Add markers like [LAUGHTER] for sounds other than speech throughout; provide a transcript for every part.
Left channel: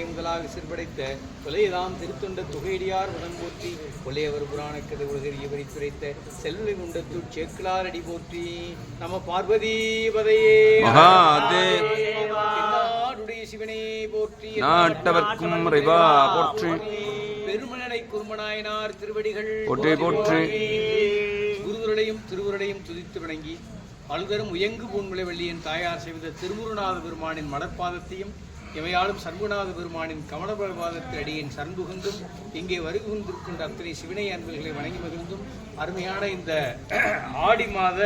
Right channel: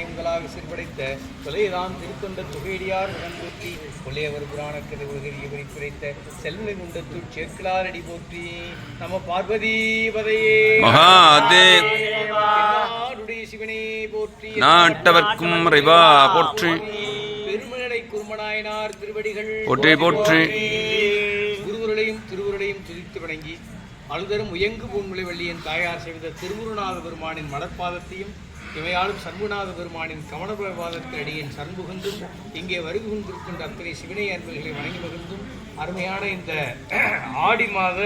முதலாக சிற்படைத்த கொலையதாம் திருத்தொண்ட துகையடியார் உடன் போற்றி கொள்ளையவர் புராணக்கதை உலகறிய குறித்த செல்வனை குண்டத்தூர் சேக்கிலார் அடி போற்றி நம பார்வதி பதையே மகாதேவ். நாடுடைய சிவனே போற்றி நாட்டவர்க்கும் இறைவா போற்றி. பெருமநடை குருமநாயனார் திருவடிகள் போற்றி, போற்றி. குருவர்களையும் திருவுருளையும் துதித்து வணங்கி அழுதரும் உயங்கு பூன்முலை வெள்ளியின் தாயார் செய்த திருமுருநாத பெருமானின் மடப்பாதத்தையும் இவையாலும் சண்முநாத பெருமானின் கமலபரபாதத்தில் அடியின் சண்புகுந்தும் இங்கே வருகின்றிருக்கின்ற அத்தனை சிவனை அன்பர்களை வணங்கி மகிழ்ந்தும் அருமையான இந்த ஆடி மாத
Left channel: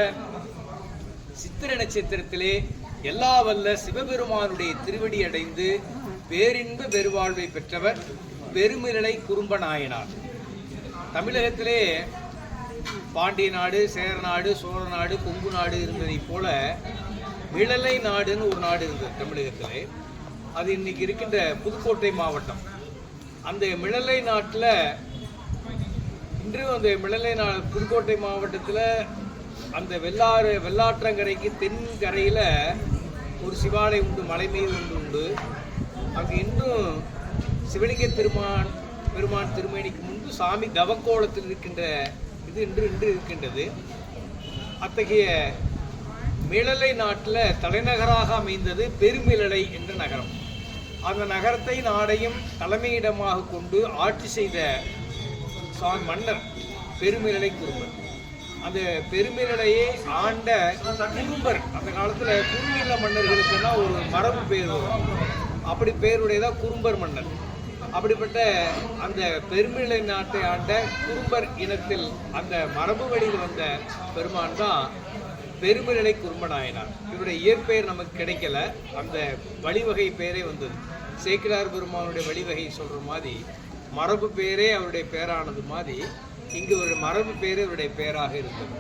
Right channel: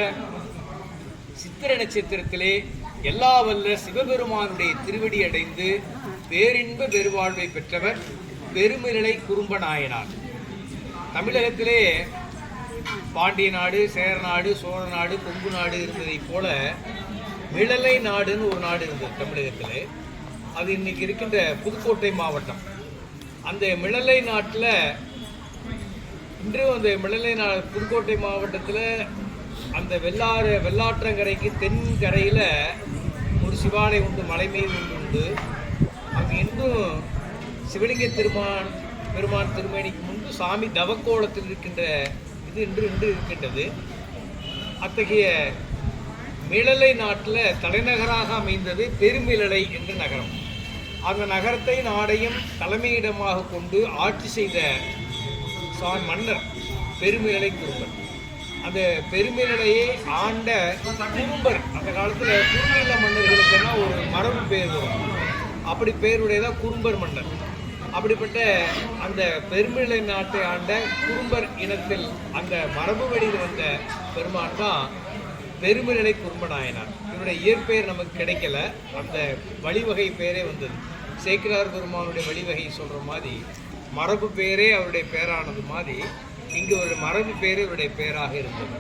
சித்திர நட்சத்திரத்திலே எல்லா வல்ல சிவபெருமானுடைய திருவடி அடைந்து பேரின்ப பெருவாழ்வை பெற்றவர் பெருமிரலை குறும்ப நாயனார் தமிழகத்திலே பாண்டிய நாடு சேர நாடு சோழ நாடு கொங்கு நாடு இருந்ததைப் போல விழலை நாடுன்னு ஒரு நாடு இருந்தது தமிழகத்திலே. அது இன்னைக்கு இருக்கின்ற புதுக்கோட்டை மாவட்டம். அந்த மிளலை நாட்டில் இன்று அந்த மிளலை நா புதுக்கோட்டை மாவட்டத்தில் அந்த வெள்ளாறு வெள்ளாற்றங்கரைக்கு தென்கரையில் ஒரு சிவாலயம் உண்டு மலை மீது உண்டு. அங்கே இன்னும் சிவலிங்க திருமான் பெருமான் திருமேனிக்கு முன்பு சாமி தவக்கோலத்தில் இருக்கின்ற இது இன்று இன்று இருக்கின்றது. அத்தகைய மிளலை நாட்டில் தலைநகராக அமைந்தது பெருமிழலை என்ற நகரம். அந்த நகரத்தை நாடையும் தலைமையிடமாக கொண்டு ஆட்சி செய்த சான் மன்னர் பெருமிழலை குறும்பர் அந்த பெருமிழலையை ஆண்ட குறும்பர் அந்த காலத்தில் குறுநில மன்னர்களுக்கெல்லாம் ஒரு மரபு பேர் அப்படி பேருடையதான் குறும்பர் மன்னர். அப்படிப்பட்ட அந்த பெருமிழை நாட்டை ஆண்ட குறும்பர் இனத்தில் அந்த மரபு வழியில் வந்த பெருமான் தான் பெருமிழலை குறும்பநாயனார் இவருடைய இயற்பெயர் நமக்கு கிடைக்கல. அந்த வழிவகை பெயரே வந்தது சேக்கிலார் பெருமானுடைய வழிவகை சொல்கிற மாதிரி மரபு பேரே அவருடைய பேரானது மாதிரி இங்கு ஒரு மரபு பேரே அவருடைய பேராக இருந்தது.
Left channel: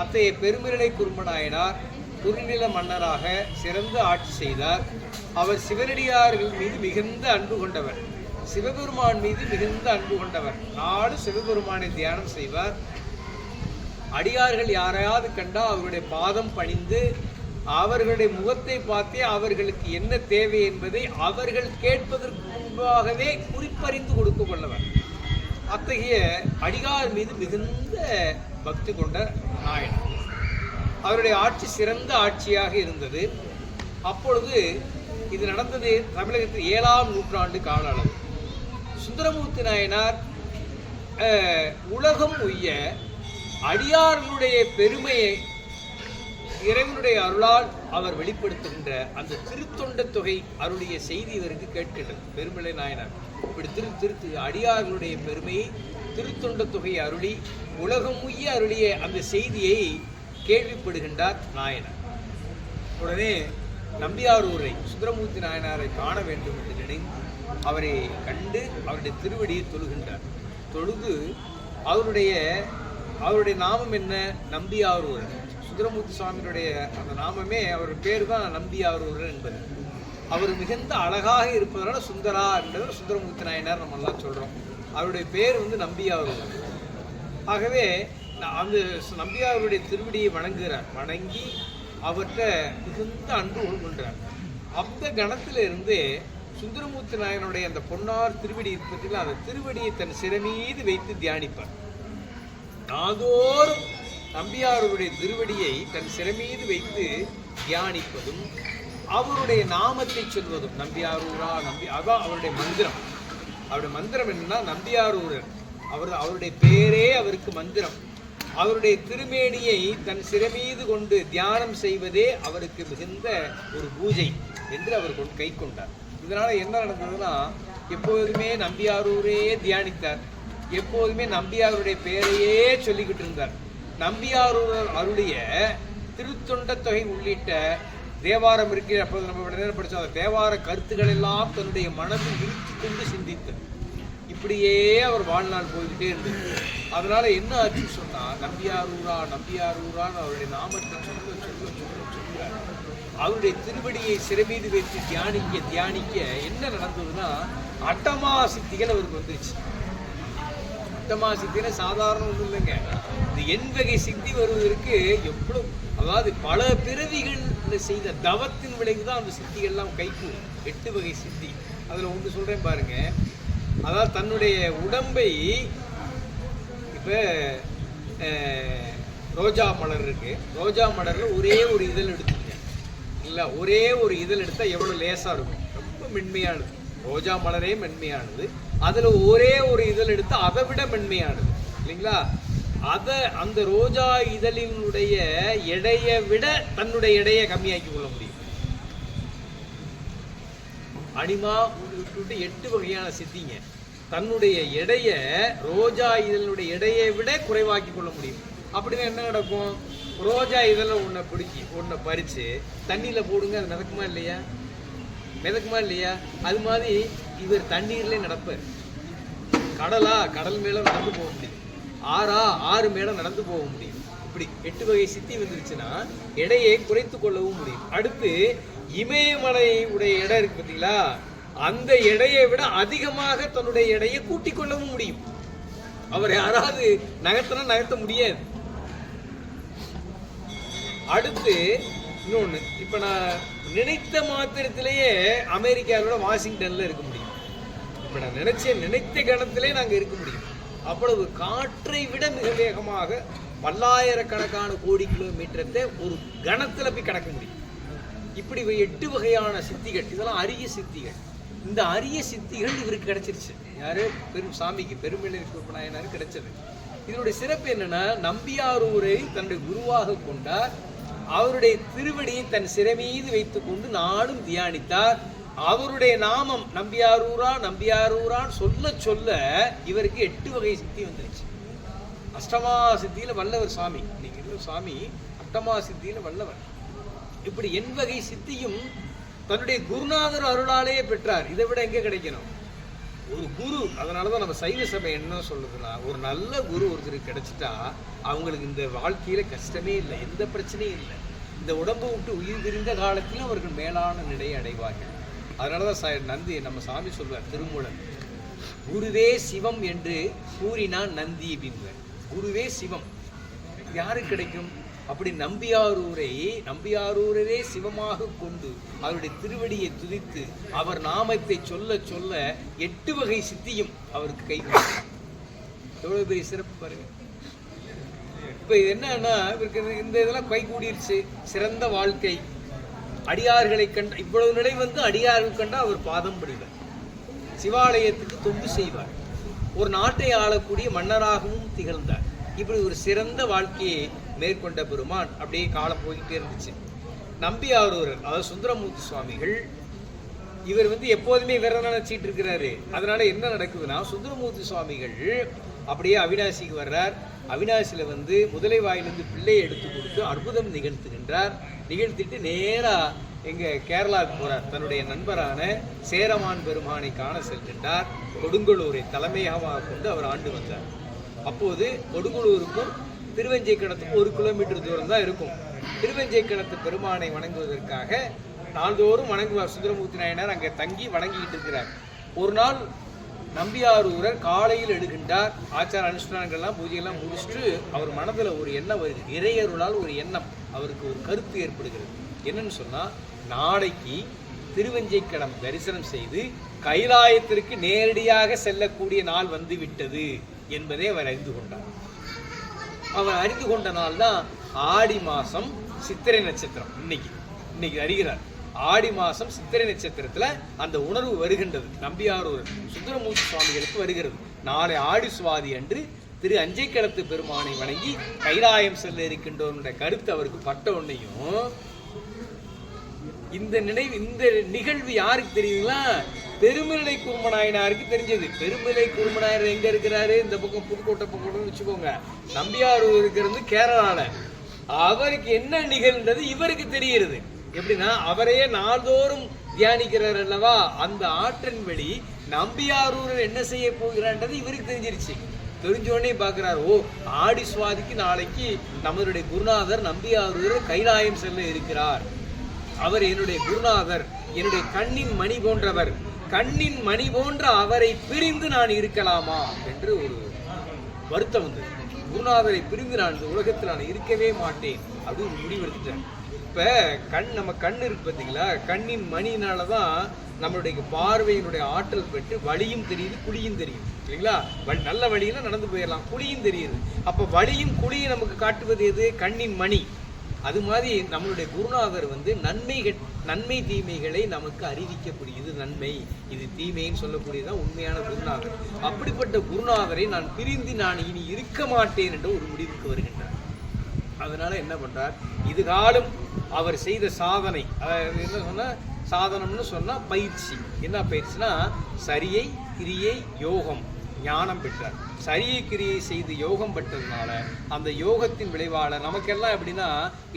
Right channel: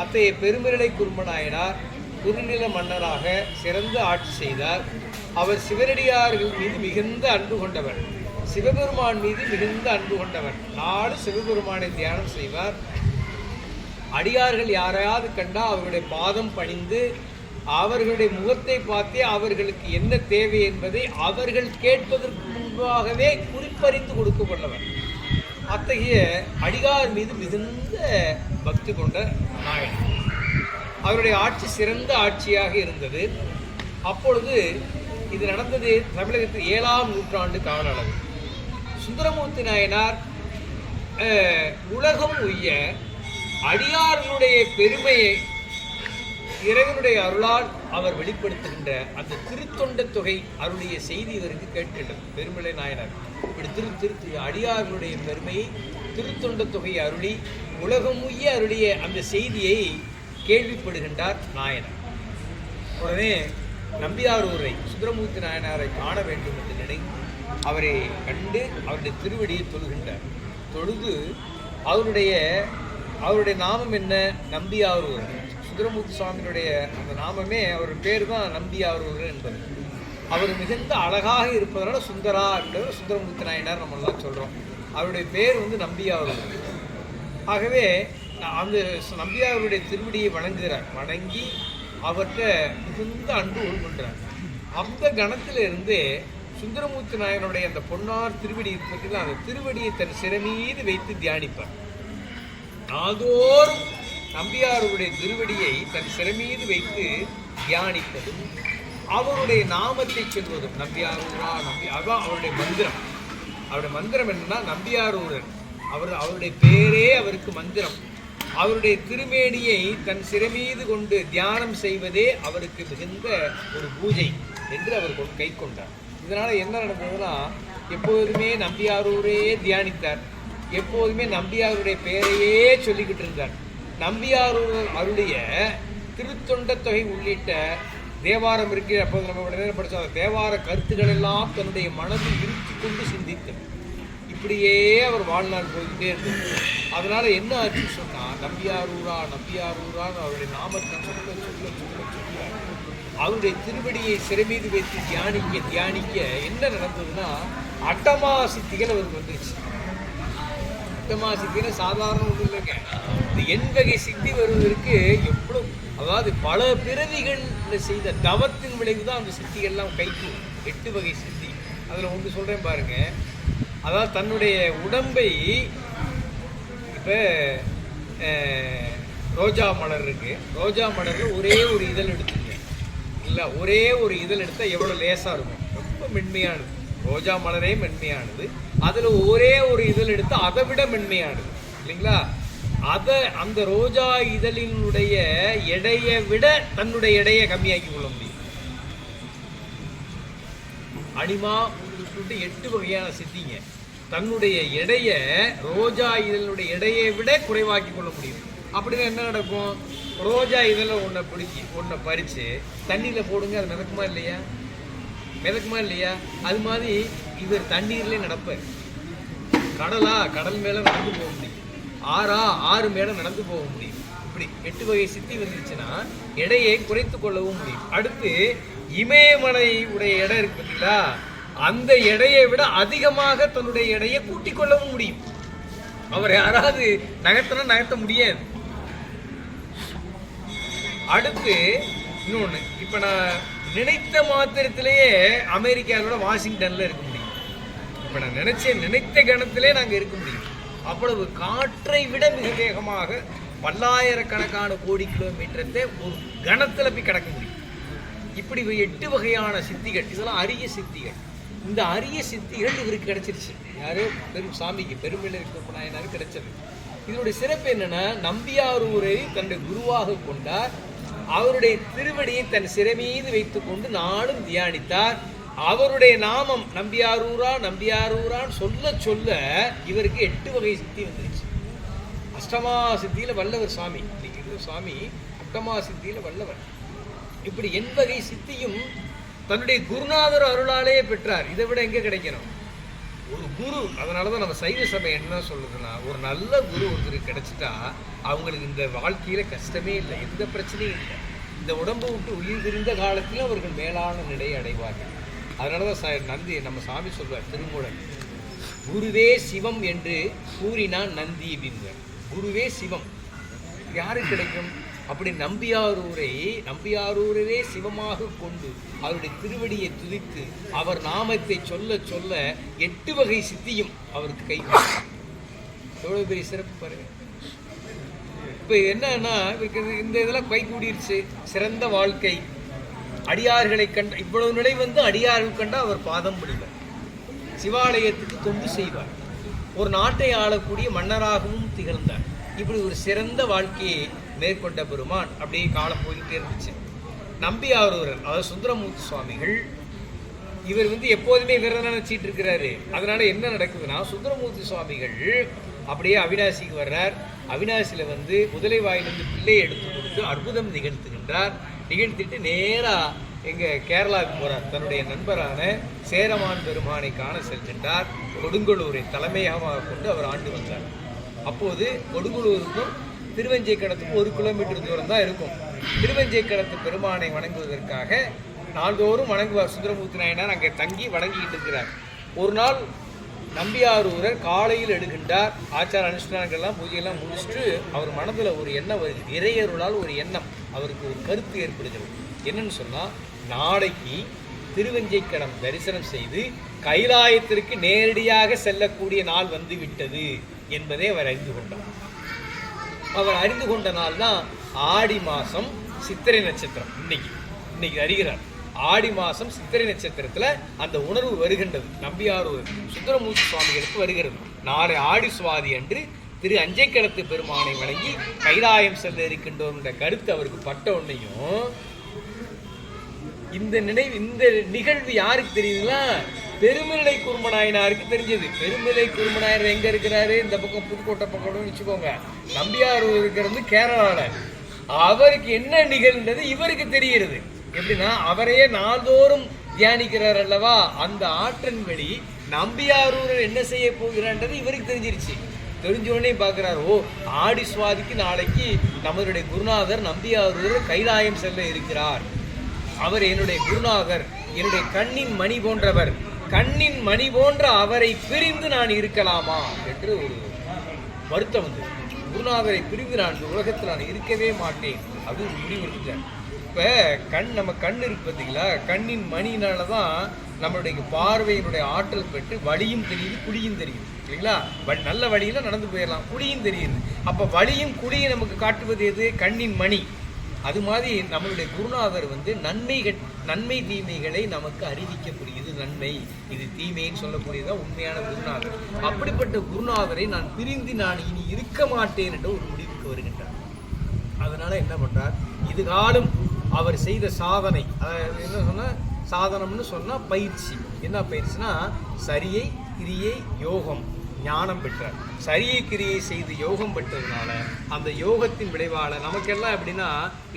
அத்தகைய பெருமநிலை குருமநாயனார் குறுநில மன்னராக சிறந்து ஆட்சி செய்தார். அவர் சிவனடியார்கள் மீது மிகுந்த அன்பு கொண்டவர். சிவபெருமான் மீது மிகுந்த அன்பு கொண்டவர். நாலு சிவபெருமானை தியானம் செய்வார். அடியார்கள் யாரையாவது கண்டால் அவருடைய பாதம் பணிந்து அவர்களுடைய முகத்தை பார்த்தே அவர்களுக்கு என்ன தேவை என்பதை அவர்கள் கேட்பதற்கு முன்பாகவே குறிப்பறிந்து கொடுக்க கொள்ளவர். அத்தகைய அடிகார் மீது மிகுந்த பக்தி கொண்ட நாயகன். அவருடைய ஆட்சி சிறந்த ஆட்சியாக இருந்தது. அப்பொழுது இது நடந்தது தமிழகத்தில் ஏழாம் நூற்றாண்டு கால அளவு சுந்தரமூர்த்தி நாயனார் உலகம் உய்ய அடியார்களுடைய பெருமையை இறைவனுடைய அருளால் அவர் வெளிப்படுத்துகின்ற அந்த திருத்தொண்ட தொகை அருடைய செய்தி இவருக்கு கேட்கின்றது. பெருமலை நாயனார் இப்படி திரு திருத்து அடியார்களுடைய பெருமையை திருத்தொண்ட தொகை அருளி உலகம் உய்ய அருளிய அந்த செய்தியை கேள்விப்படுகின்றார் நாயனர். உடனே நம்பியாரூரை சுந்தரமூர்த்தி நாயனாரை காண வேண்டும் என்று நினைத்து அவரை கண்டு அவருடைய திருவடியை தொழுகின்றார். தொழுது அவருடைய அவருடைய நாமம் என்ன? நம்பியாரூர் சுந்தரமூர்த்தி சுவாமியினுடைய அந்த நாமமே அவர் பேர் தான் நம்பியாரூர் என்பது. அவர் மிகுந்த அழகாக இருப்பதனால சுந்தரா என்பது சுந்தரமூர்த்தி நாயனார் நம்ம எல்லாம் சொல்கிறோம் அவருடைய பேர் வந்து நம்பியாரூர் ஆகவே அந்த நம்பியாவருடைய நம்பியாருடைய திருவடியை வணங்குகிறார். வணங்கி அவர்கிட்ட மிகுந்த அன்பு உருகுன்றார் அந்த கணத்தில் இருந்தே சுந்தரமூர்த்தி நாயனுடைய அந்த பொன்னார் திருவடி இருப்பதில் அந்த திருவடியை தன் சிறமீது வைத்து தியானிப்பார். நாள்தோறும் நம்பியாருடைய திருவடியை தன் சிறமீது வைத்து தியானிப்பதும் அவருடைய நாமத்தை சொல்வதும் நம்பியாரூரா நம்பி அதான் அவருடைய மந்திரம். அவருடைய மந்திரம் என்னன்னா நம்பியாரூரர். அவர் அவருடைய பேரே அவருக்கு மந்திரம். அவருடைய திருமேனியை தன் சிறமீது கொண்டு தியானம் செய்வதே அவருக்கு மிகுந்த ஒரு பூஜை என்று அவர் கை கொண்டார். இதனால் என்ன நடந்ததுன்னா எப்போதுமே நம்பியாரூரே தியானித்தார். எப்போதுமே நம்பியாருடைய பெயரையே சொல்லிக்கிட்டு இருந்தார். நம்பியாரூர் அருளிய திருத்தொண்ட தொகை உள்ளிட்ட தேவாரம் இருக்கு அப்போது நம்ம நேரம் படிச்சோம். தேவார கருத்துக்கள் எல்லாம் தன்னுடைய மனதில் விரித்து கொண்டு சிந்தித்தார் இப்படியே அவர் வாழ்நாள் போய்கிட்டே இருந்தது. அதனால என்ன ஆச்சுன்னு சொன்னா நம்பியாரூரா நம்பியாரூரான்னு அவருடைய நாமத்தை சொல்ல சொல்ல சொல்ல சொல்ல அவருடைய திருவடியை சிறமீது வைத்து தியானிக்க தியானிக்க என்ன நடந்ததுன்னா அட்டமா சித்திகள் அவருக்கு வந்துருச்சு. உத்தமா சித்தினா சாதாரண ஒன்றும் இல்லைங்க இந்த எண்வகை சித்தி வருவதற்கு எவ்வளவு அதாவது பல பிறவிகள் செய்த தவத்தின் விளைவு தான் அந்த சித்திகள்லாம் கைக்கும் எட்டு வகை சித்தி. அதில் ஒன்று சொல்கிறேன் பாருங்க. அதாவது தன்னுடைய உடம்பை இப்போ ரோஜா மலர் இருக்கு. ரோஜா மலரில் ஒரே ஒரு இதழ் எடுத்துங்க இல்லை ஒரே ஒரு இதழ் எடுத்தால் எவ்வளோ லேசாக இருக்கும். ரொம்ப மென்மையாக இருக்கும். ரோஜா மலரே மென்மையானது. அதுல ஒரே ஒரு இதழ் எடுத்து அதை விட மென்மையானது. இல்லைங்களா? அதை அந்த ரோஜா இதழினுடைய எடையை விட தன்னுடைய எடையை கம்மியாக்கி கொள்ள முடியும். அனிமா உங்களுக்கு எட்டு வகையான சித்திங்க. தன்னுடைய எடையை ரோஜா இதழுடைய எடையை விட குறைவாக்கி கொள்ள முடியும். அப்படின்னா என்ன நடக்கும்? ரோஜா இதழ ஒன்றை பிடிச்சி ஒன்றை பறித்து தண்ணியில் போடுங்க அது நடக்குமா இல்லையா? மிதக்குமா இல்லையா? அது மாதிரி இவர் தண்ணீர்லேயே நடப்பார். கடலா கடல் மேலே நடந்து போக முடியும். ஆறா ஆறு மேலே நடந்து போக முடியும். இப்படி எட்டு வகை சித்தி வந்துருச்சுன்னா எடையை குறைத்து கொள்ளவும் முடியும். அடுத்து இமயமலை உடைய எடை இருக்கு பார்த்தீங்களா? அந்த எடையை விட அதிகமாக தன்னுடைய எடையை கூட்டிக் கொள்ளவும் முடியும். அவர் யாராவது நகர்த்தனா நகர்த்த முடியாது. அடுத்து இன்னொன்று இப்போ நான் நினைத்த மாத்திரத்திலேயே அமெரிக்காவோட வாஷிங்டன்ல இருக்க முடியும். இப்ப நான் நினைச்ச நினைத்த கணத்திலே நாங்கள் இருக்க முடியும். அவ்வளவு காற்றை விட மிக வேகமாக பல்லாயிரக்கணக்கான கோடி கிலோமீட்டரத்தை ஒரு கணத்தில் போய் கடக்க முடியும். இப்படி எட்டு வகையான சித்திகள் இதெல்லாம் அரிய சித்திகள். இந்த அரிய சித்திகள் இவருக்கு கிடைச்சிருச்சு. யாரோ? பெரும் சாமிக்கு பெருமிழை நாயனாருக்கு கிடைச்சது. இதனுடைய சிறப்பு என்னன்னா நம்பியாரூரை தன்னுடைய குருவாக கொண்டார். அவருடைய திருவடியை தன் சிறை மீது வைத்துக் கொண்டு நாளும் தியானித்தார். அவருடைய நாமம் நம்பியாரூரா நம்பியாரூரான் சொல்ல சொல்ல இவருக்கு எட்டு வகை சித்தி வந்துருச்சு. அஷ்டமா சித்தியில வல்லவர் சாமி. இன்னைக்கு இருக்கிற சாமி அஷ்டமா சித்தியில வல்லவர். இப்படி என் வகை சித்தியும் தன்னுடைய குருநாதர் அருளாலேயே பெற்றார். இதை விட எங்கே கிடைக்கணும்? ஒரு குரு அதனால தான் நம்ம சைவ சபை என்ன சொல்லுதுன்னா ஒரு நல்ல குரு ஒருத்தருக்கு கிடைச்சிட்டா அவங்களுக்கு இந்த வாழ்க்கையில கஷ்டமே இல்லை எந்த பிரச்சனையும் இல்லை. இந்த உடம்பு விட்டு உயிர் தெரிந்த காலத்தில் அவர்கள் மேலான நிலையை அடைவார்கள். அதனால தான் சா- நந்தி நம்ம சாமி சொல்வார் திருமூலன் குருவே சிவம் என்று கூறினான் நந்தி அப்படின்னு குருவே சிவம் யாரு கிடைக்கும்? அப்படி நம்பியாரூரை நம்பியாரூரே சிவமாக கொண்டு அவருடைய திருவடியை துதித்து அவர் நாமத்தை சொல்ல சொல்ல எட்டு வகை சித்தியும் அவருக்கு கை எவ்வளவு பெரிய சிறப்பு பாருங்க. இப்போ என்னன்னா இவருக்கு இந்த- இதெல்லாம் கை கூடிருச்சு. சிறந்த வாழ்க்கை. அடியார்களை கண்ட இவ்வளவு நிலை வந்து அடியார்கள் கண்டா அவர் பாதம் விடுவார் சிவாலயத்துக்கு தொண்டு செய்வார். ஒரு நாட்டை ஆளக்கூடிய மன்னராகவும் திகழ்ந்தார். இப்படி ஒரு சிறந்த வாழ்க்கையை மேற்கொண்ட பெருமான் அப்படியே காலம் போய்கிட்டே இருந்துச்சு. நம்பி நம்பியாரூரர் அதாவது சுந்தரமூர்த்தி சுவாமிகள் இவர் வந்து எப்போதுமே இவரை நினைச்சிட்டு இருக்கிறாரு. அதனால என்ன நடக்குதுன்னா சுந்தரமூர்த்தி சுவாமிகள் அப்படியே அவினாசிக்கு வர்றார். அவினாசியில் வந்து முதலை வாயிலிருந்து பிள்ளையை எடுத்து கொடுத்து அற்புதம் நிகழ்த்துகின்றார் நிகழ்த்திட்டு நேராக எங்கள் கேரளாவுக்கு போகிறார் தன்னுடைய நண்பரான சேரமான் பெருமானை காண செல்கின்றார். கொடுங்கலூரை தலைமையாக கொண்டு அவர் ஆண்டு வந்தார். அப்போது கொடுங்கலூருக்கும் திருவெஞ்சைக்கடத்துக்கு ஒரு கிலோமீட்டர் தூரம் தான் இருக்கும். திருவெஞ்சைக்கடத்து பெருமானை வணங்குவதற்காக நாள்தோறும் வணங்குவார். சுந்தரமூர்த்தி நாயனார் அங்கே தங்கி வணங்கிட்டு இருக்கிறார். ஒரு நாள் நம்பியாரூரர் காலையில் எழுகின்றார். ஆச்சார அனுஷ்டானங்கள்லாம் பூஜையெல்லாம் முடிச்சுட்டு அவர் மனதில் ஒரு எண்ணம் வருது. இறையருளால் ஒரு எண்ணம் அவருக்கு ஒரு கருத்து ஏற்படுகிறது. என்னன்னு சொன்னால் நாளைக்கு திருவெஞ்சைக்கடம் தரிசனம் செய்து கைலாயத்திற்கு நேரடியாக செல்லக்கூடிய நாள் வந்து விட்டது என்பதை அவர் அறிந்து கொண்டார். அவர் அறிந்து கொண்ட நாள் தான் ஆடி மாதம் சித்திரை நட்சத்திரம். இன்னைக்கு இன்னைக்கு அறிகிறார். ஆடி மாதம் சித்திரை நட்சத்திரத்தில் அந்த உணர்வு வருகின்றது. நம்பியாரூர் சுந்தரமூர்த்தி சுவாமிகளுக்கு வருகிறது. நாளை ஆடி சுவாதி அன்று திரு அஞ்சைக்கடத்து பெருமானை வணங்கி கைலாயம் செல்ல இருக்கின்றோம் என்ற கருத்து அவருக்கு பட்ட உடனேயும் இந்த நினைவு இந்த நிகழ்வு யாருக்கு தெரியுங்களா? பெருமிழை குருமநாயனாருக்கு தெரிஞ்சது. பெருமிழை குருமநாயனர் எங்க இருக்கிறாரு? இந்த பக்கம் புதுக்கோட்டை பக்கம் வச்சுக்கோங்க. நம்பியாரூர் இருக்கிறது கேரளால. அவருக்கு என்ன நிகழ்ந்தது? இவருக்கு தெரிகிறது. எப்படின்னா அவரையே நாள்தோறும் தியானிக்கிறார் அல்லவா? அந்த ஆற்றன் வெளி நம்பியாரூர் என்ன செய்ய போகிறான்றது இவருக்கு தெரிஞ்சிருச்சு. தெரிஞ்ச உடனே ஓ ஆடி சுவாதிக்கு நாளைக்கு நம்மளுடைய குருநாதர் நம்பியாரூர் கைலாயம் செல்ல இருக்கிறார். அவர் என்னுடைய குருநாதர் என்னுடைய கண்ணின் மணி போன்றவர். கண்ணின் மணி போன்ற அவரை பிரிந்து நான் இருக்கலாமா? என்று ஒரு வருத்தம் வந்து குருநாதரை பிரிந்து நான் இந்த உலகத்தில் நான் இருக்கவே மாட்டேன். அது முடிவெடுத்துட்டேன் இப்போ கண் நம்ம கண் இருக்கு பார்த்தீங்களா கண்ணின் மணினால தான் நம்மளுடைய பார்வையினுடைய ஆற்றல் பெற்று வழியும் தெரியுது குழியும் தெரியுது. இல்லைங்களா நல்ல வழியில் நடந்து போயிடலாம் குழியும் தெரியுது. அப்போ வழியும் குழியும் நமக்கு காட்டுவது எது? கண்ணின் மணி. அது மாதிரி நம்மளுடைய குருநாதர் வந்து நன்மைகள் நன்மை தீமைகளை நமக்கு அறிவிக்கக்கூடியது நன்மை. இது தீமைன்னு சொல்லக்கூடியதான் உண்மையான குருநாதர். அப்படிப்பட்ட குருநாதரை நான் பிரிந்து நான் இனி இருக்க மாட்டேன் என்ற ஒரு முடிவுக்கு வருகின்றார். அதனால என்ன பண்றார்? இது காலம் அவர் செய்த சாதனை. அதாவது என்ன சொன்னால் சாதனம்னு சொன்னால் பயிற்சி. என்ன பயிற்சினா சரியை கிரியை யோகம் ஞானம் பெற்றார். சரியை கிரியை செய்து யோகம் பெற்றதுனால அந்த யோகத்தின் விளைவால நமக்கெல்லாம் எப்படின்னா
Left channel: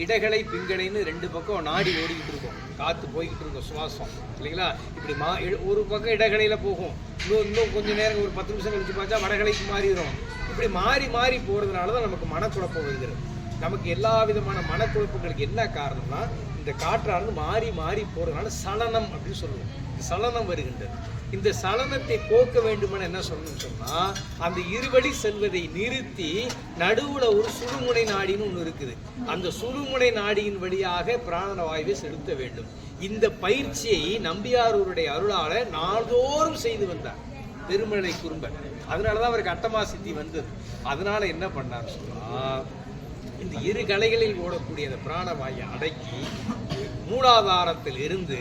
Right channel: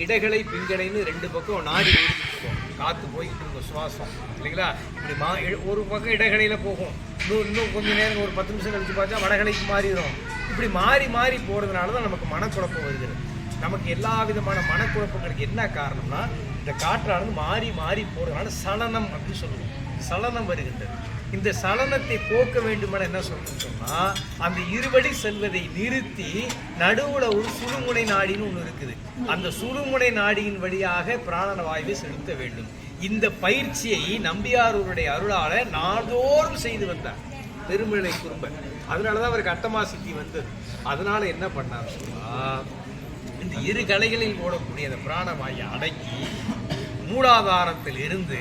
இடகளை பிங்களைன்னு ரெண்டு பக்கம் நாடி ஓடிக்கிட்டு இருக்கோம். காற்று போய்கிட்டு இருக்கோம் சுவாசம் இல்லைங்களா? இப்படி மா ஒரு பக்கம் இடகலையில போகும். இன்னும் இன்னும் கொஞ்ச நேரம் ஒரு பத்து நிமிஷம் கழிச்சு பார்த்தா வடகலைக்கு மாறிடும். இப்படி மாறி மாறி போகிறதுனால தான் நமக்கு மனக்குழப்பம் வருகிறது. நமக்கு எல்லா விதமான மனக்குழப்பங்களுக்கு என்ன காரணம்னா இந்த காற்றானது மாறி மாறி போகிறதுனால சலனம் அப்படின்னு சொல்லுவோம். சலனம் வருகின்றது. இந்த சலனத்தை போக்க வேண்டுமென என்ன சொல்லணும்னு சொன்னால் அந்த இருவழி செல்வதை நிறுத்தி நடுவுல ஒரு சுடுமுனை நாடின்னு ஒன்று இருக்குது. அந்த சுடுமுனை நாடியின் வழியாக பிராணன வாயுவை செலுத்த வேண்டும். இந்த பயிற்சியை நம்பியாரூருடைய அருளால நாள்தோறும் செய்து வந்தார். பெருமழை குறும்ப அதனாலதான் அவருக்கு அட்டமா சித்தி வந்தது. அதனால என்ன பண்ணார் சொன்னா இந்த இரு கலைகளில் ஓடக்கூடிய அந்த பிராணவாயை அடக்கி மூலாதாரத்தில் இருந்து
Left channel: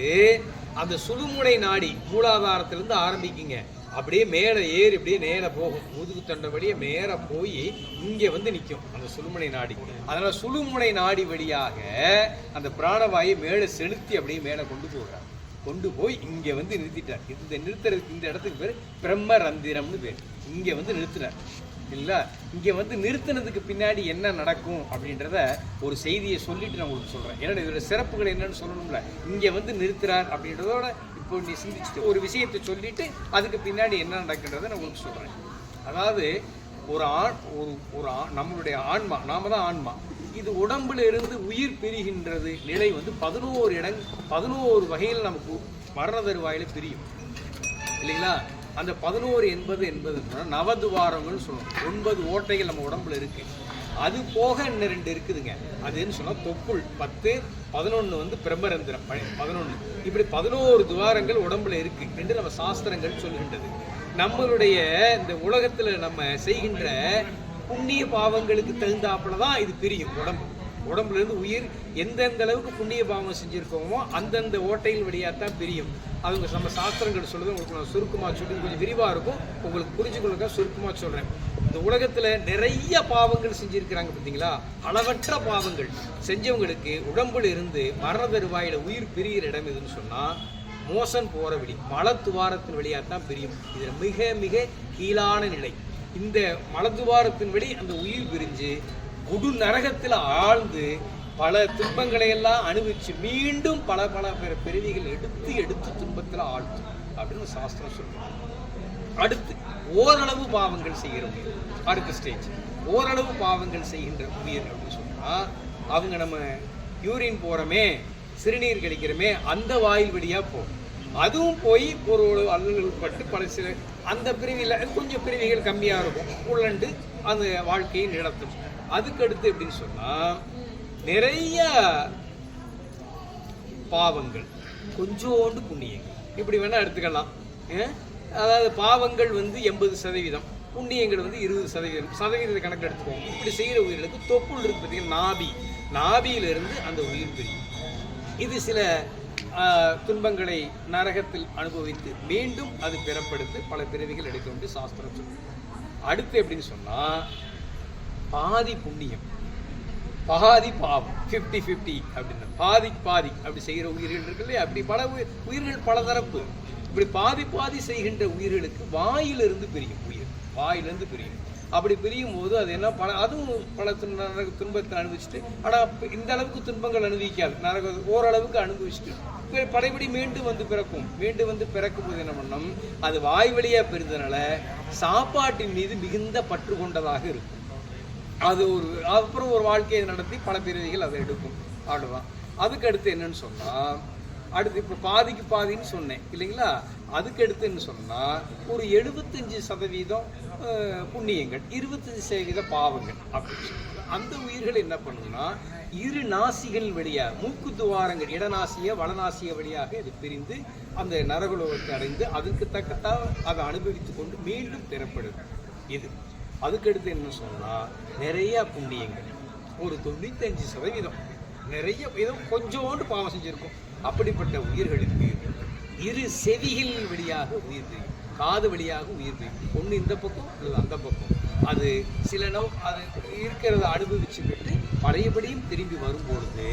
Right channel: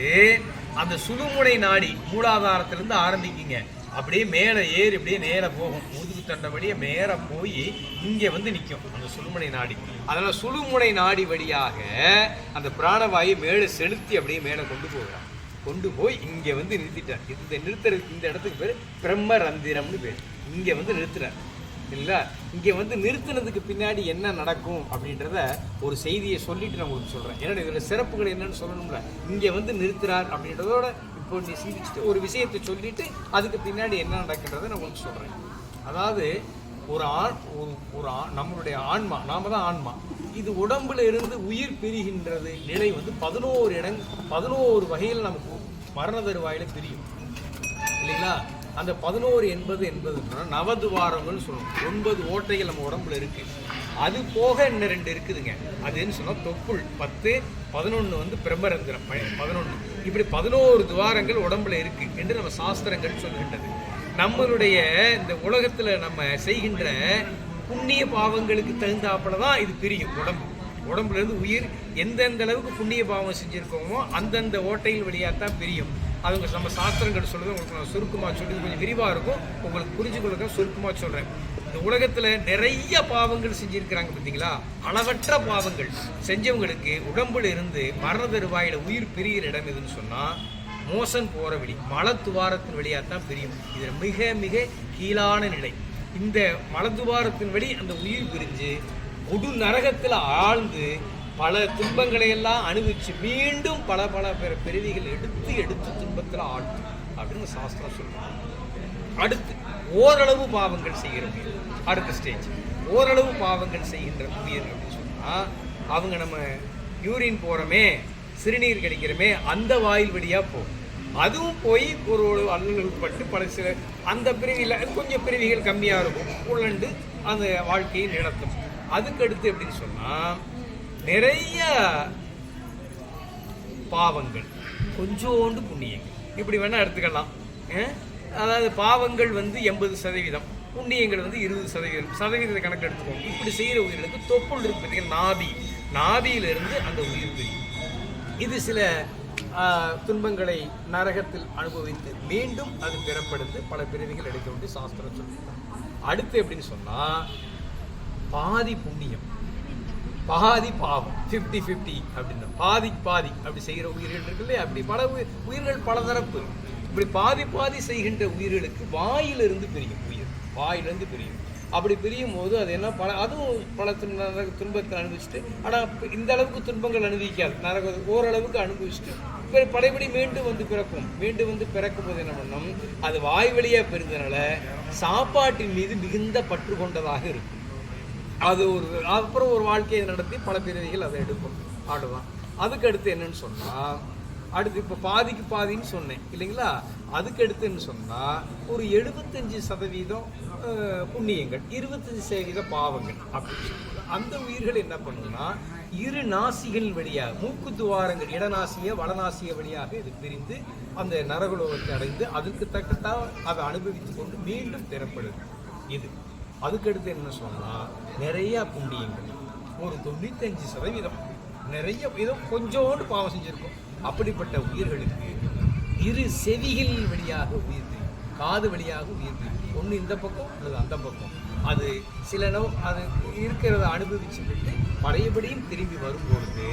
அந்த சுடுமுனை நாடி மூலாதாரத்திலிருந்து ஆரம்பிக்குங்க. அப்படியே மேலே ஏறி அப்படியே நேராக போகும். முதுகு தண்டை மேலே போய் இங்கே வந்து நிற்கும் அந்த சுழுமுனை நாடி. அதனால் சுழுமுனை நாடி வழியாக அந்த பிராணவாயை மேலே செலுத்தி அப்படியே மேலே கொண்டு போகிறார் கொண்டு போய் இங்கே வந்து நிறுத்திட்டார். இந்த நிறுத்துறதுக்கு இந்த இடத்துக்கு பேர் பிரம்ம ரந்திரம்னு பேர். இங்கே வந்து நிறுத்தினார் இல்லைங்களா இங்கே வந்து நிறுத்தினதுக்கு பின்னாடி என்ன நடக்கும் அப்படின்றத ஒரு செய்தியை சொல்லிட்டு நான் உங்களுக்கு சொல்கிறேன் ஏன்னா இதோட சிறப்புகள் என்னன்னு சொல்லணும்ல. இங்கே வந்து நிறுத்துறார் அப்படின்றதோட இப்போ நீ சிந்திச்சுட்டு ஒரு விஷயத்தை சொல்லிட்டு அதுக்கு பின்னாடி என்ன நடக்கின்றதை நான் உங்களுக்கு சொல்கிறேன் அதாவது ஒரு ஆண் ஒரு ஒரு ஆண் நம்மளுடைய ஆன்மா நாம தான் ஆன்மா. இது உடம்புல இருந்து உயிர் பிரிகின்றது நிலை வந்து பதினோரு இடம் பதினோரு வகையில் நமக்கு மரண தருவாயில் பிரியும். இல்லைங்களா? அந்த பதினோரு எண்பது என்பது நவதுவாரங்கள்னு சொல்லுவோம். ஒன்பது ஓட்டைகள் நம்ம உடம்புல இருக்கு. அது போக இன்னும் ரெண்டு இருக்குதுங்க. அது என்ன சொன்னால் தொப்புள். பத்து பதினொன்று வந்து பிரம்மரந்திரம். பதினொன்று இப்படி பதினோரு துவாரங்கள் உடம்புல இருக்கு என்று நம்ம சாஸ்திரங்கள் சொல்லுகின்றது நம்மளுடைய இந்த உலகத்தில் நம்ம செய்கின்ற புண்ணிய பாவங்களுக்கு தகுந்தாப்புல தான் இது பிரியும் உடம்பு. உடம்புலேருந்து உயிர் எந்தெந்த அளவுக்கு புண்ணிய பாவம் செஞ்சுருக்கோமோ அந்தந்த ஓட்டைகள் வழியாக தான் பிரியும். அவங்க நம்ம சாஸ்திரங்கள் சொல்றது உங்களுக்கு நான் சுருக்கமாக சொல்லி கொஞ்சம் விரிவாக இருக்கும். உங்களுக்கு புரிஞ்சுக்கொள்ளுக்க சுருக்கமாக சொல்கிறேன் இந்த உலகத்தில் நிறைய பாவங்கள் செஞ்சுருக்கிறாங்க பார்த்தீங்களா அளவற்ற பாவங்கள். செஞ்சவங்களுக்கு உடம்புல இருந்து மரண தருவாயில் உயிர் பிரியிற இடம் எதுன்னு சொன்னால் மோசன் போகிற வழி மலத்துவாரத்தின் வழியாக தான் பிரியும். இது மிக மிக கீழான நிலை. இந்த மலத்துவாரத்தின் வழி அந்த உயிர் பிரிஞ்சு கொடு நரகத்தில் ஆழ்ந்து பல துன்பங்களை எல்லாம் அனுபவிச்சு மீண்டும் பல பல பிற பிறவிகள் எடுத்து எடுத்து துன்பத்தில் ஆழ்த்தும் அப்படின்னு சாஸ்திரம் சொல்லுவாங்க அடுத்து ஓரளவு பாவங்கள் செய்கிறோம். அடுத்த ஸ்டேஜ் ஓரளவு பாவங்கள் செய்கின்ற உயிர் அப்படின்னு சொன்னால் அவங்க நம்ம யூரின் போகிறோமே சிறுநீர் கழிக்கிறோமே அந்த வாயில் வழியாக போகும். அதுவும் போய் ஒரு ஒரு பட்டு பல சில அந்த பிரிவியில் கொஞ்சம் பிரிவிகள் கம்மியாக இருக்கும். உள்ளண்டு அந்த வாழ்க்கையை நடத்தும். அதுக்கு அடுத்து எப்படின்னு சொன்னால் நிறைய பாவங்கள் கொஞ்சோண்டு புண்ணியங்கள். இப்படி வேணா எடுத்துக்கலாம். அதாவது பாவங்கள் வந்து எண்பது சதவீதம் புண்ணியங்கள் வந்து இருபது சதவீதம். சதவீதத்தை கணக்கு எடுத்துக்கோங்க. இப்படி செய்கிற உயிர்களுக்கு தொப்புள் இருக்கு. பார்த்தீங்கன்னா நாபி நாபியிலிருந்து அந்த உயிர் பிரியும். இது சில ஆஹ், துன்பங்களை நரகத்தில் அனுபவித்து மீண்டும் அது பிறப்படுத்து பல பிறவிகள் எடுத்து வந்து சாஸ்திரம் சொல்லுவோம் அடுத்து எப்படின்னு சொன்னா பாதி புண்ணியம். பாதி பாவம் ஃபிஃப்டி ஃபிஃப்டி அப்படின்னு. பாதி பாதி அப்படி செய்கிற உயிர்கள் இருக்குல்ல அப்படி பல உயிர்கள் உயிர்கள் பலதரப்பு. இப்படி பாதி பாதி செய்கின்ற உயிர்களுக்கு வாயிலிருந்து பிரியும் உயிர். வாயிலிருந்து பிரியும். அப்படி பிரியும் போது அது என்ன பல அதுவும் பல துன் துன்பத்தை அனுபவிச்சுட்டு ஆனால் இந்த அளவுக்கு துன்பங்கள் அனுபவிக்காது. நரக ஓரளவுக்கு அனுபவிச்சுட்டு இப்போ படைபடி மீண்டும் வந்து பிறக்கும். மீண்டும் வந்து பிறக்கும் போது என்ன பண்ணணும் அது வாய் வழியாக பெறுறதுனால சாப்பாட்டின் மீது மிகுந்த பற்று கொண்டதாக இருக்கும். அது ஒரு அப்புறம் ஒரு வாழ்க்கையை நடத்தி பல பிரிவுகள் அதை எடுக்கும் அவ்வளோதான் அதுக்கு அடுத்து என்னன்னு சொன்னா அடுத்து இப்போ பாதிக்கு பாதின்னு சொன்னேன் இல்லைங்களா? அதுக்கு அடுத்துன்னு சொன்னா ஒரு எழுபத்தஞ்சு சதவீதம் புண்ணியங்கள் இருபத்தஞ்சு சதவீத பாவங்கள் அப்படி. அந்த உயிர்கள் என்ன பண்ணுன்னா இரு நாசிகள் வழியாக மூக்கு துவாரங்கள் இடநாசிய வடநாசிய வழியாக இது பிரிந்து அந்த நரகுலோகத்தை அடைந்து அதுக்கு தக்கத்தான் அதை அனுபவித்துக் கொண்டு மீண்டும் பெறப்படுது இது. அதுக்கடுத்து என்ன சொன்னால் நிறையா புண்ணியங்கள். ஒரு தொண்ணூத்தஞ்சு சதவீதம். நிறைய ஏதோ கொஞ்சோண்டு பாவம் செஞ்சுருக்கோம். அப்படிப்பட்ட உயிர்களுக்கு இரு செவிகள் வழியாக உயிர் காது வழியாக உயிர் ஒன்று இந்த பக்கம் அல்லது அந்த பக்கம். அது சில நோ அது இருக்கிறத அனுபவிச்சுக்கிட்டு பழையபடியும் திரும்பி வரும்பொழுது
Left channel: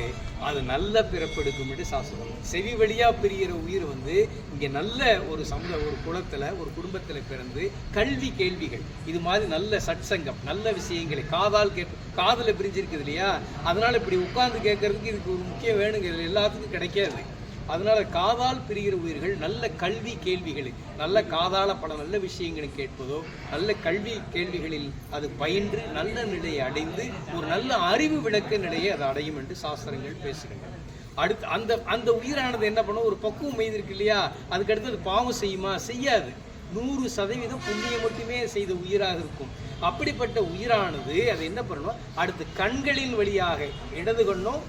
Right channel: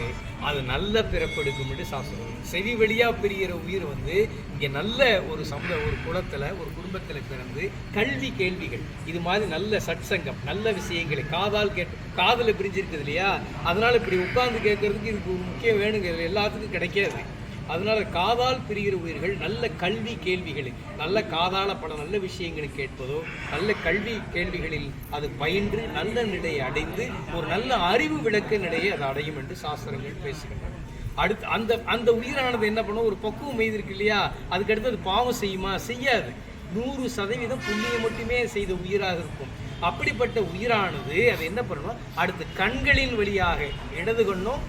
அது நல்ல பிறப்பெடுக்கும் என்று சாஸ்திரம் செவி வழியாக பிரிகிற உயிர் வந்து இங்கே நல்ல ஒரு சமூக ஒரு குலத்துல ஒரு குடும்பத்தில் பிறந்து கல்வி கேள்விகள். இது மாதிரி நல்ல சட்சங்கம் நல்ல விஷயங்களை காதால் கேட்டு காதலை பிரிஞ்சிருக்குது இல்லையா? அதனால் இப்படி உட்கார்ந்து கேட்கறதுக்கு இதுக்கு ஒரு முக்கியம் வேணுங்கிறது எல்லாத்துக்கும் கிடைக்காது. அதனால காதால் பிரிகிற உயிர்கள் நல்ல கல்வி கேள்விகளை நல்ல காதால பல நல்ல விஷயங்களை கேட்பதோ நல்ல கல்வி கேள்விகளில் அது பயின்று நல்ல நிலையை அடைந்து ஒரு நல்ல அறிவு விளக்க நிலையை அது அடையும் என்று சாஸ்திரங்கள் பேசுகின்றன. அடுத்து அந்த அந்த உயிரானது என்ன பண்ணும்? ஒரு பக்குவம் எய்திருக்கு இல்லையா? அதுக்கடுத்து அது பாவம் செய்யுமா? செய்யாது. நூறு சதவீதம் புண்ணியம் மட்டுமே செய்த உயிராக இருக்கும். அப்படிப்பட்ட உயிரானது அது என்ன பண்ணணும் அடுத்து கண்களின் வழியாக இடது கண்ணும்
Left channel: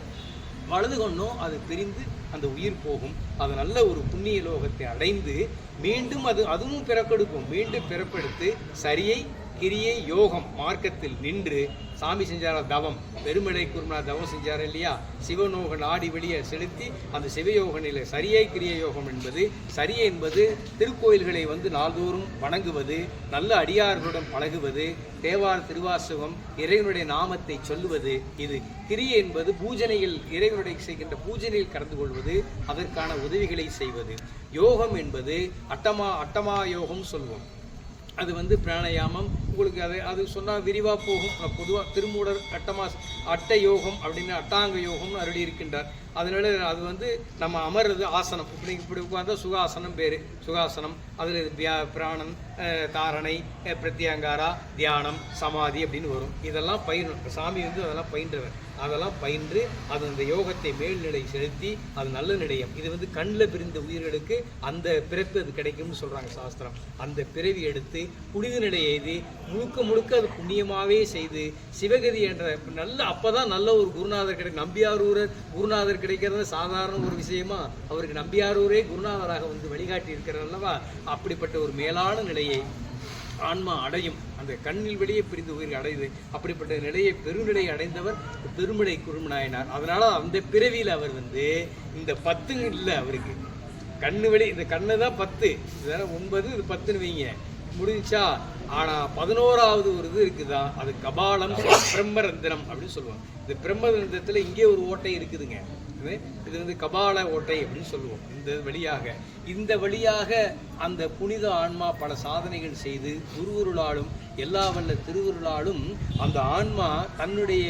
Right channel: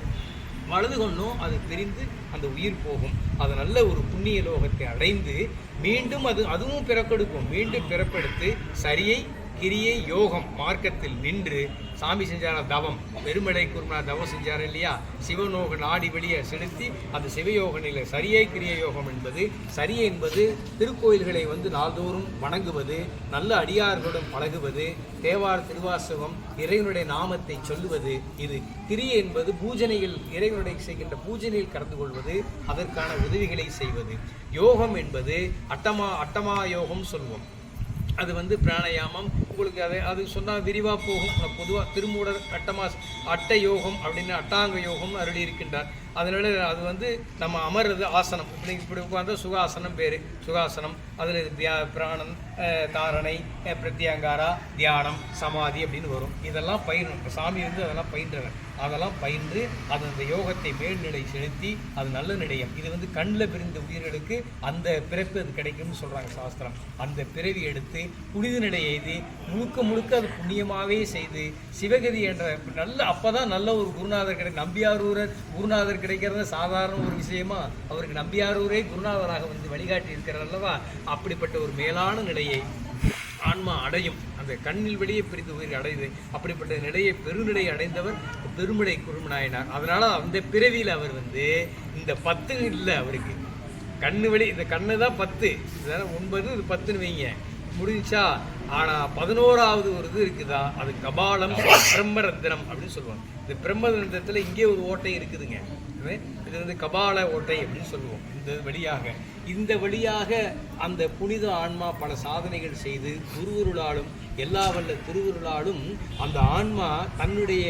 வலது கண்ணும் அது தெரிந்து அந்த உயிர் போகும். அது நல்ல ஒரு புண்ணிய லோகத்தை அடைந்து மீண்டும் அது அதுவும் பிறப்பெடுக்கும் மீண்டும் பிறப்பெடுத்து சரியை கிரியை யோகம் மார்க்கத்தில் நின்று சாமி செஞ்சார தவம் பெருமடை குருமா தவம் செஞ்சார் இல்லையா? சிவநோக நாடி வெளியே செலுத்தி அந்த சிவயோக நிலை சரியை கிரிய யோகம் என்பது சரியை என்பது திருக்கோயில்களை வந்து நாள்தோறும் வணங்குவது நல்ல அடியார்களுடன் பழகுவது தேவார் திருவாசகம் இறைவனுடைய நாமத்தை சொல்லுவது இது கிரியை என்பது பூஜனையில் இறைவனுடைய செய்கின்ற பூஜனையில் கலந்து கொள்வது அதற்கான உதவிகளை செய்வது. யோகம் என்பது அட்டமா அட்டமா யோகம் சொல்வோம் அது வந்து பிராணாயாமம். உங்களுக்கு அதை அது சொன்னால் விரிவாக போகும். பொதுவாக திருமூடர் அட்டமாஸ் அட்ட யோகம் அப்படின்னு அட்டாங்க யோகம்னு அருளி இருக்கின்றார் அதனால அது வந்து நம்ம அமர்றது ஆசனம். இப்படி இப்படி உட்கார்ந்தா சுகாசனம் பேர். சுகாசனம். அதில் பிராணம் காரணை தாரணை பிரத்யங்காரா தியானம் சமாதி அப்படின்னு வரும். இதெல்லாம் பயிரும் சாமி வந்து அதெல்லாம் பயின்றவர். அதெல்லாம் பயின்று அது அந்த யோகத்தை மேல்நிலை செலுத்தி அது நல்ல நிலையம். இது வந்து கண்ணில் பிரிந்த உயிர்களுக்கு அந்த பிறப்பு அது கிடைக்கும்னு சொல்கிறாங்க சாஸ்திரம். அந்த பிறவி எடுத்து புனித நிலை எய்து முழுக்க முழுக்க அது புண்ணியமாகவே செய்து சிவகதி என்ற நல்ல அப்பதான் நல்ல ஒரு குருநாதர் கிடை நம்பியாரூரர் குருநாதர் கிடைக்கிறது சாதாரண ஒரு விஷயமா அவருக்கு நம்பியாரூரே குருநாதராக வந்து வழிகாட்டி இருக்கிறார் அல்லவா? அப்படிப்பட்ட ஒரு மேலான நிலையை ஆன்மா அடையும். அந்த கண்ணில் வெளியே பிரிந்து உயிர் அடையுது அப்படிப்பட்ட நிலையை பெருநிலை அடைந்தவர் பெருமிடை குருமநாயனார். அதனால அந்த பிறவியில் அவர் வந்து இந்த பத்து இல்லை அவருக்கு. கண்ணு வெளி இந்த கண்ணு தான் பத்து. இதெல்லாம் ஒன்பது இது பத்துன்னு வைங்க. முடிஞ்சா ஆனா பதினோராவது ஒரு இது இருக்குதா? அது கபாலம் பிரம்மரந்திரம் அப்படின்னு சொல்லுவோம். இந்த பிரம்மரந்திரத்தில் இங்கே ஒரு ஓட்டை இருக்குதுங்க. இது வந்து கபால ஓட்டை அப்படின்னு சொல்லுவோம். இந்த வழியாக. இந்த வழியாக அந்த புனித ஆன்மா பல சாதனைகள் செய்து குருவருளாலும் எல்லா வல்ல திருவருளாலும் அந்த ஆன்மா தன்னுடைய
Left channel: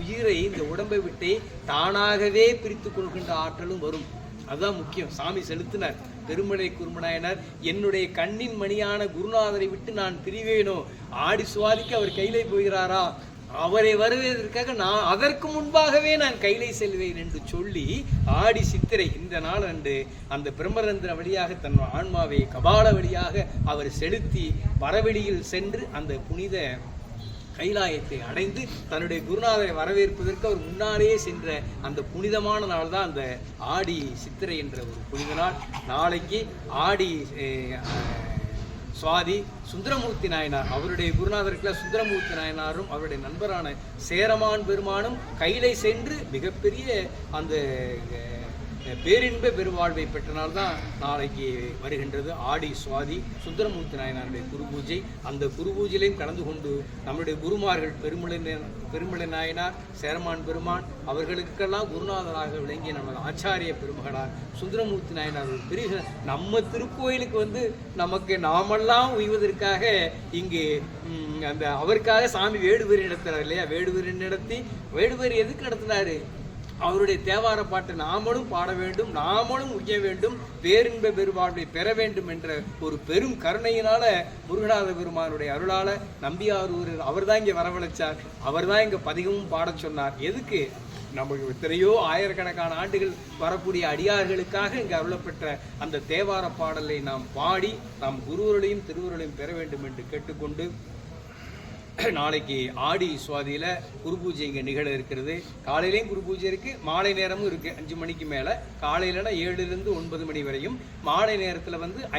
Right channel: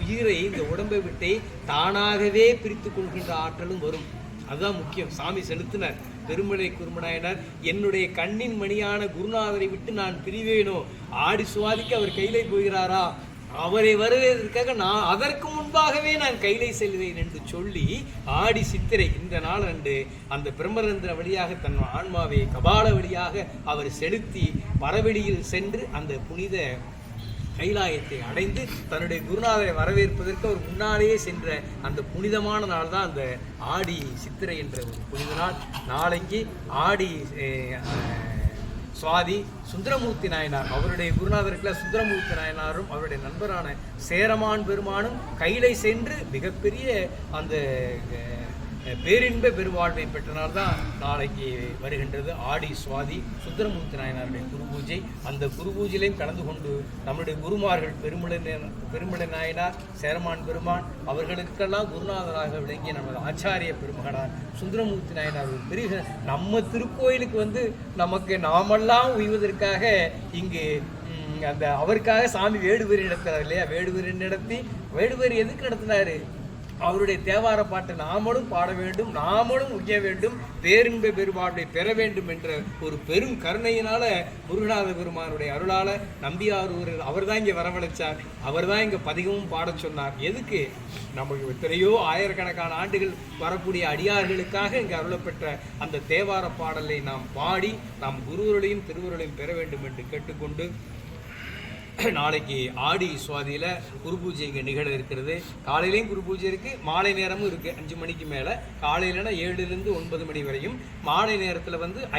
உயிரை இந்த உடம்பை விட்டே தானாகவே பிரித்து கொள்கின்ற ஆற்றலும் வரும். அதுதான் முக்கியம். சாமி செலுத்தினார். பெருமலை குருமநாயனர் என்னுடைய கண்ணின் மணியான குருநாதரை விட்டு நான் பிரிவேனோ? ஆடி சுவாதிக்கு அவர் கையிலே போகிறாரா? அவரை வருவதற்காக நான் அதற்கு முன்பாகவே நான் கைலை செல்வேன் என்று சொல்லி ஆடி சித்திரை இந்த நாள் அன்று அந்த பிரம்மரந்திர வழியாக தன் ஆன்மாவை கபால வழியாக அவர் செலுத்தி பரவெளியில் சென்று அந்த புனித கைலாயத்தை அடைந்து தன்னுடைய குருநாதரை வரவேற்பதற்கு அவர் முன்னாலேயே சென்ற அந்த புனிதமான நாள் தான் அந்த ஆடி சித்திரை என்ற ஒரு புனித நாள். நாளைக்கு ஆடி சுவாதி சுந்தரமூர்த்தி நாயனார். அவருடைய குருநாதருக்குள்ள சுந்தரமூர்த்தி நாயனாரும் அவருடைய நண்பரான சேரமான் பெருமானும் கையிலை சென்று மிகப்பெரிய அந்த பேரின்ப பெருவாழ்வை பெற்ற நாள் தான் நாளைக்கு வருகின்றது ஆடி சுவாதி சுந்தரமூர்த்தி நாயனாருடைய குருபூஜை. அந்த குருபூஜையிலையும் கலந்து கொண்டு நம்முடைய குருமார்கள் பெருமிழ பெருமிழ நாயனார் சேரமான் பெருமான் அவர்களுக்கெல்லாம் குருநாதராக விளங்கிய நமது ஆச்சாரிய பெருமகனார் சுந்தரமூர்த்தி நாயனார். ஒரு பெரிய நம்ம திருக்கோயிலுக்கு வந்து நமக்கு நாமெல்லாம் உய்வதற்காக இங்கு அந்த அவருக்காக சாமி வேடுவரி நடத்துறாரு இல்லையா? வேடுவரி நடத்தி வேடுவரி எதுக்கு நடத்தினாரு? அவருடைய தேவார பாட்டை நாமளும் பாட வேண்டும் நாமளும் உய்ய வேண்டும் பேரின்ப பெருமாளுடைய பெற வேண்டும் என்ற ஒரு பெரும் கருணையினால முருகநாத பெருமானுடைய அருளால நம்பியாரூரில் அவர் தான் இங்கே வரவழைச்சார். அவர் தான் இங்கே பதிகமும் பாடச் சொன்னார். எதுக்கு? நமக்கு எத்தனையோ ஆயிரக்கணக்கான ஆண்டுகள் வரக்கூடிய அடியார்களுக்காக இங்கே அருளப்பெற்ற அந்த தேவார பாடலை நாம் பாடி நாம் குருவர்களையும் திருவுருளையும் பெற வேண்டும் என்று கேட்டுக்கொண்டு [CLEARS THROAT] நாளைக்கு ஆடி சுவாதியில் குரு பூஜை இங்கே நிகழ இருக்கிறது. காலையிலையும் குரு பூஜை இருக்குது மாலை நேரமும் இருக்குது அஞ்சு மணிக்கு மேலே. காலையிலனா ஏழுலேருந்து ஒன்பது மணி வரையும். மாலை நேரத்தில் வந்து